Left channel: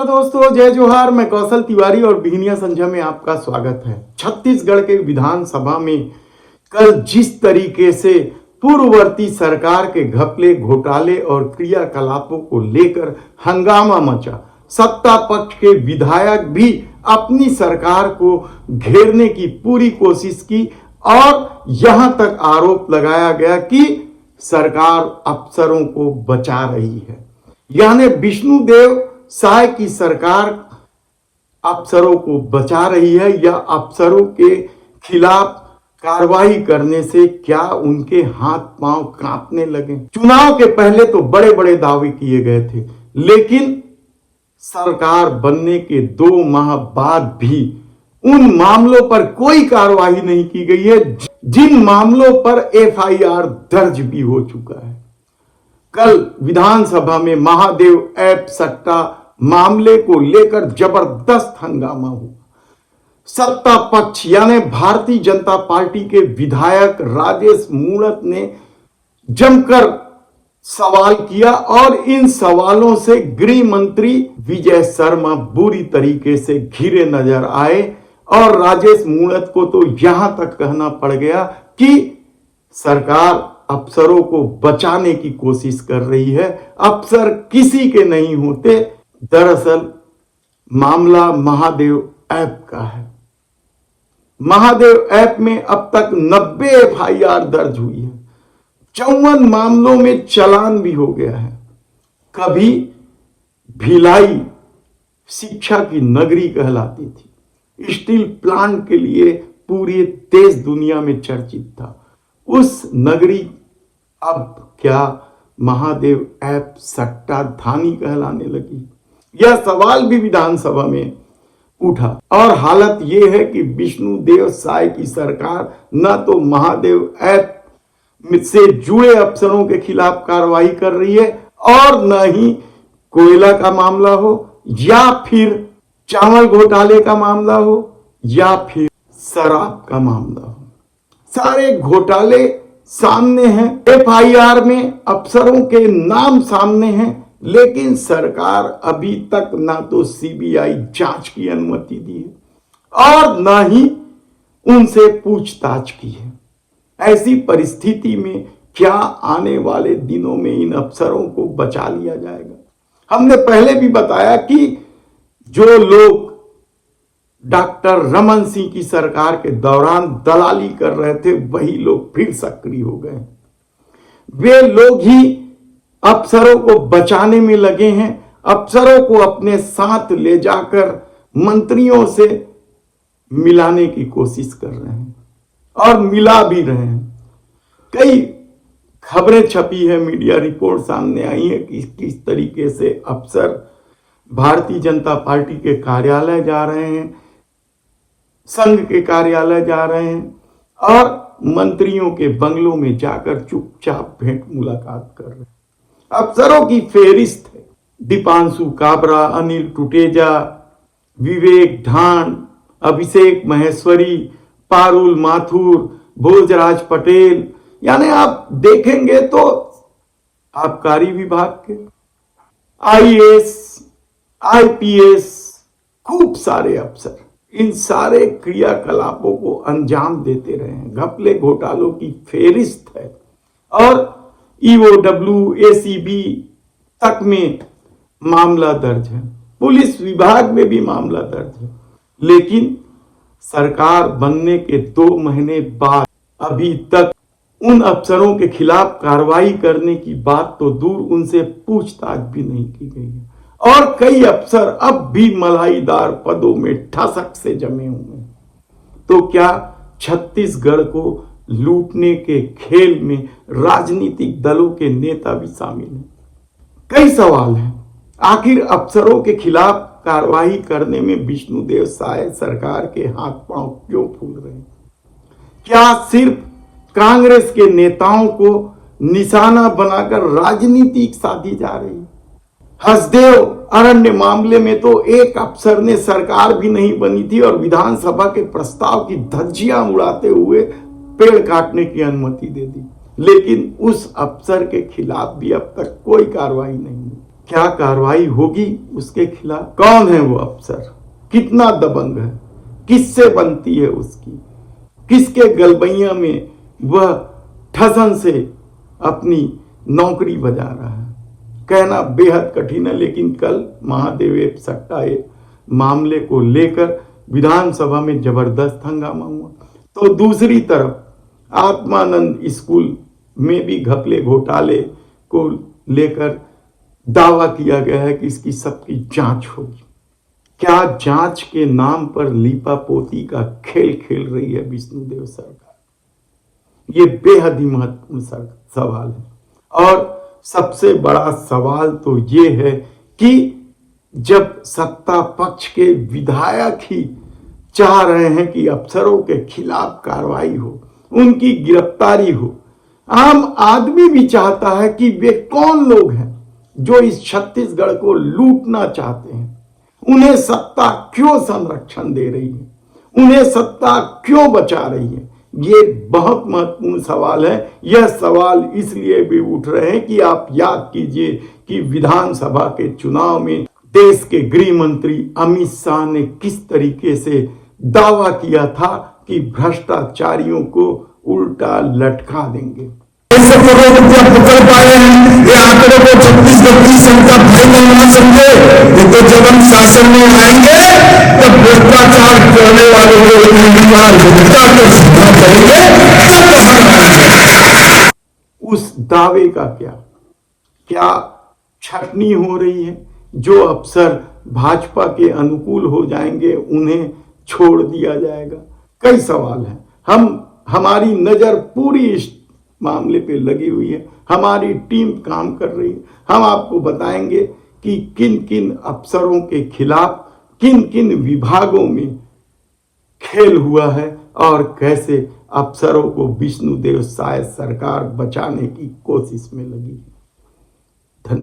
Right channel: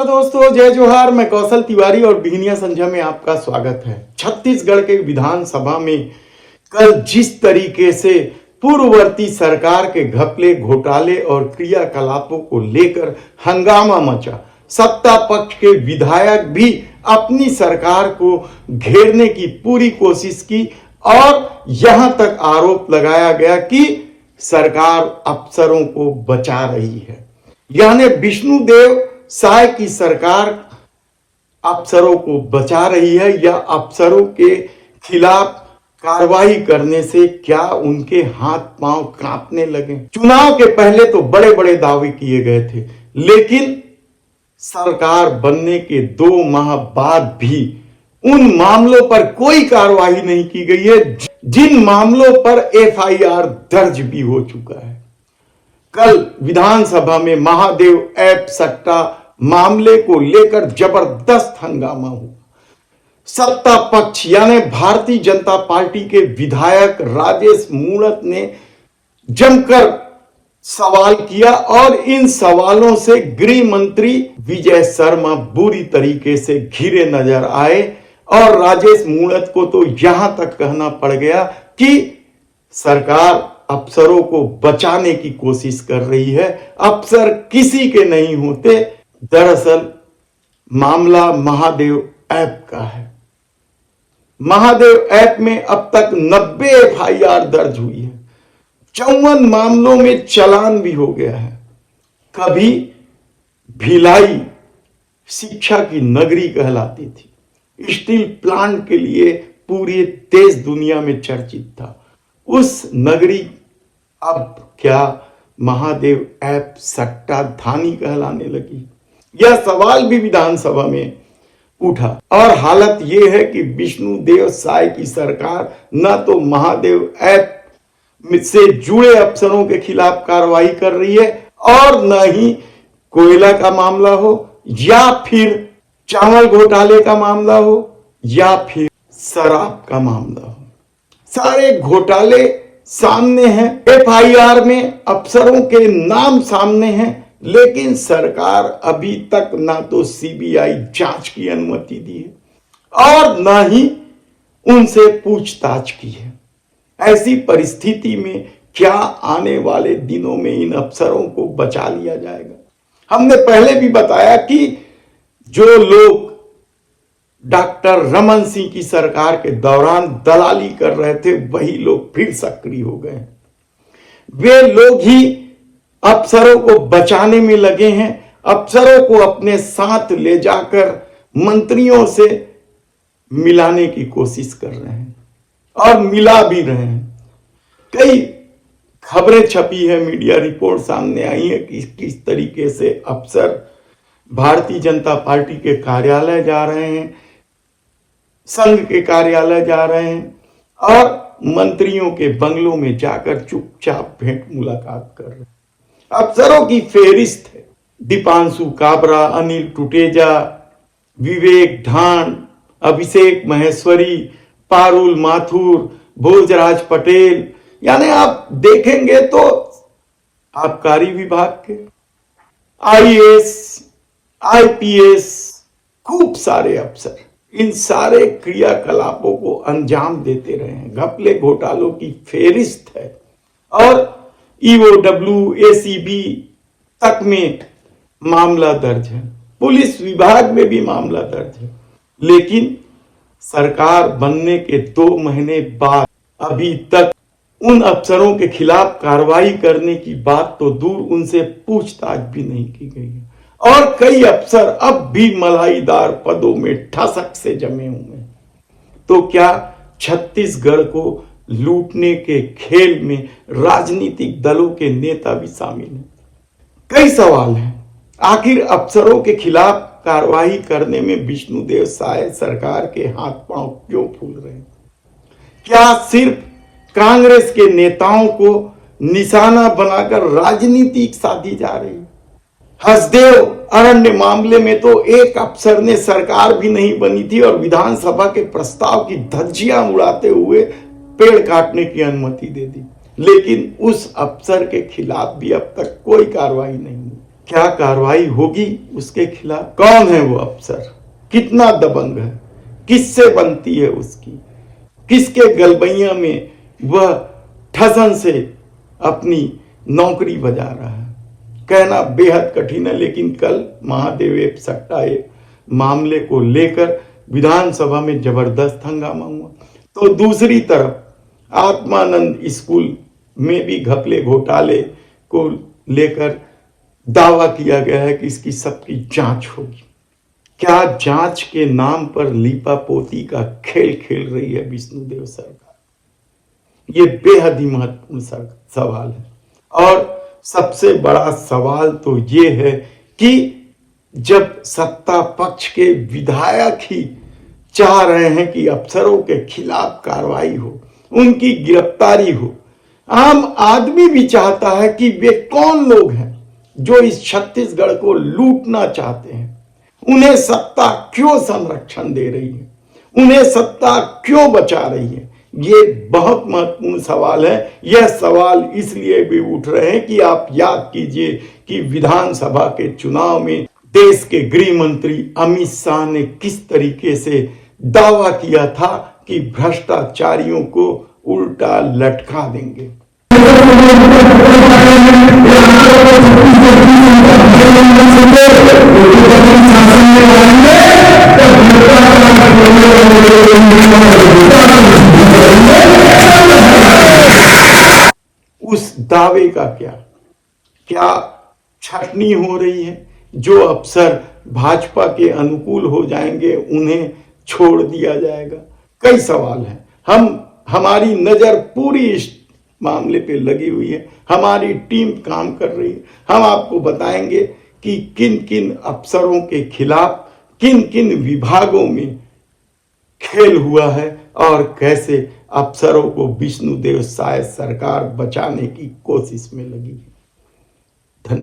नमस्कार दोस्तों, जय जोहार। मैं कौशल तिवारी और बिहनिया संध्या में आपका स्वागत है। छत्तीसगढ़ के विधानसभा में कल जिस तरीके से पूर्ववर्ती सरकार के घपले, घोटाले और क्रियाकलापों को लेकर हंगामा मचा, सत्ता पक्ष के विधायक भी अपनी सरकार को घेरने की पूरी कोशिश की और यहां तक आरोप लगाया गया कि सरकार अफसरों को बचा रही है। यानी विष्णुदेव साय की सरकार अफसरों को बचा रही है या अफसरों के खिलाफ कार्रवाई करने से क्या उनके हाथ पांव कांपने लगे। चुनाव के पहले तो बड़े बड़े दावे किए गए थे, लेकिन सरकार बनने के 2 माह बाद भी उन मामलों पर कोई कार्रवाई नहीं की गई है जिन मामलों पर एफआईआर दर्ज भी हो चुका है। कल विधानसभा में महादेव ऐप सट्टा मामले को लेकर जबरदस्त हंगामा हुआ। सत्ता पक्ष यानी भारतीय जनता पार्टी के विधायक राजेश मूणत ने जमकर सवाल किया और इन सवालों से गृह मंत्री विजय शर्मा बुरी तरीके से घिरे नजर आए और राजेश मूणत को तो यहां तक कहना पड़ गया कि सरकार अफसरों को बचाने की कोशिश कर रही है, अफसर किसी के नहीं होते। दरअसल मामला महादेव ऐप का है। महादेव ऐप में अब तक 90 एफआईआर दर्ज हुई है, 54 मामलों में चालान भी हो गया है। कभी भिलाई शिक्षा की नगरी कहलाती थी, स्टील प्लांट के लिए पूरे देश दुनिया में चर्चित था। उस नगरी अब क्या महादेव ऐप सट्टा धानी कहलाने लगी? यह सवाल भी विधानसभा में उठा और हालत यह है कि विष्णुदेव साय की सरकार न तो महादेव ऐप से जुड़े अफसरों के खिलाफ कार्रवाई कर रही है और न ही कोयला का मामला हो या फिर चावल घोटाले का मामला हो या फिर शराब का मामला हो। सारे घोटाले सामने हैं, एफआईआर में अफसरों के नाम सामने हैं, लेकिन सरकार अभी तक ना तो सीबीआई जांच की अनुमति दी है और ना ही उनसे पूछताछ की है। ऐसी परिस्थिति में क्या आने वाले दिनों में इन अफसरों को बचा लिया जाएगा? हमने पहले भी बताया कि जो लोग डॉक्टर रमन सिंह की सरकार के दौरान दलाली कर रहे थे, वही लोग फिर सक्रिय हो गए। वे लोग ही अफसरों को बचाने में लगे हैं, अफसरों को अपने साथ ले जाकर मंत्रियों से मिलाने की कोशिश कर रहे हैं और मिला भी रहे हैं। कई खबरें छपी है, मीडिया रिपोर्ट सामने आई है कि किस तरीके से अफसर भारतीय जनता पार्टी के कार्यालय जा रहे हैं, संघ के कार्यालय जा रहे हैं और मंत्रियों के बंगलों में जाकर चुपचाप भेंट मुलाकात कर रहे हैं। अफसरों की फेहरिस्त है: दीपांशु काबरा, अनिल टुटेजा, विवेक ढांड, अभिषेक महेश्वरी, पारुल माथुर, भोजराज पटेल। यानी आप देखेंगे तो आबकारी विभाग के आईएएस, आईपीएस, खूब सारे अफसर इन सारे क्रियाकलापों को अंजाम देते रहे हैं। घपले घोटालों की फेहरिस्त है और ईओडब्ल्यू, एसीबी तक में मामला दर्ज है, पुलिस विभाग में भी मामला दर्ज है। लेकिन सरकार बनने के 2 महीने बाद अभी तक उन अफसरों के खिलाफ कार्रवाई करने की बात तो दूर, उनसे पूछताछ भी नहीं की गई है और कई अफसर अब भी मलाईदार पदों में ठसक से जमे हुए हैं। तो क्या छत्तीसगढ़ को लूटने के खेल में राजनीतिक दलों के नेता भी शामिल हैं? कई सवाल हैं। आखिर अफसरों के खिलाफ कार्रवाई करने में विष्णुदेव साय सरकार के हाथ पांव क्यों फूल रहे हैं? क्या सिर्फ कांग्रेस के नेताओं को निशाना बनाकर राजनीति साधी जा रही है? हसदेव अरण्य मामले में तो एक अफसर ने सरकार भी नहीं बनी थी और विधानसभा के प्रस्ताव की धज्जियां उड़ाते हुए पेड़ काटने की अनुमति दे दी, लेकिन उस अफसर के खिलाफ भी अब तक कोई कार्रवाई नहीं हुई। क्या कार्रवाई होगी उसके खिलाफ? कौन है वो अफसर, कितना दबंग है, किससे बनती है उसकी, किसके गलबैया में वह ठसन से अपनी नौकरी बजा रहा है, कहना बेहद कठिन है। लेकिन कल महादेव सट्टा मामले को लेकर विधानसभा में जबरदस्त हंगामा हुआ। तो दूसरी तरफ आत्मानंद स्कूल में भी घपले घोटाले को लेकर दावा किया गया है कि इसकी सबकी जांच होगी। क्या जांच के नाम पर लीपापोती का खेल खेल रही है विष्णुदेव सरकार? ये बेहद ही महत्वपूर्ण सवाल है। और सबसे बड़ा सवाल तो ये है कि जब सत्ता पक्ष के विधायक ही चाह रहे हैं कि अफसरों के खिलाफ कार्रवाई हो, उनकी गिरफ्तारी हो, आम आदमी भी चाहता है कि वे कौन लोग हैं जो इस छत्तीसगढ़ को लूटना चाहते हैं, उन्हें सत्ता क्यों संरक्षण दे रही है, उन्हें सत्ता क्यों बचा रही है। ये बहुत महत्वपूर्ण सवाल है। यह सवाल इसलिए भी उठ रहे हैं कि आप याद कीजिए कि विधानसभा के चुनाव में देश के गृह मंत्री अमित शाह ने किस तरीके से दावा किया था कि भ्रष्टाचारियों को उल्टा लटका देंगे। उस दावे का क्या छटनी हो रही है? जो अफसर भाजपा के अनुकूल हो जाएंगे उन्हें छोड़ दिया जाएगा। कई सवाल हैं। हमारी नजर पूरी इस मामले पे लगी हुई है, हमारी टीम काम कर रही है। हम आपको बताएंगे कि किन किन अफसरों के खिलाफ किन किन विभागों में खेल हुआ है और कैसे अफसरों को विष्णुदेव साय सरकार बचाने की कोशिश में लगी है।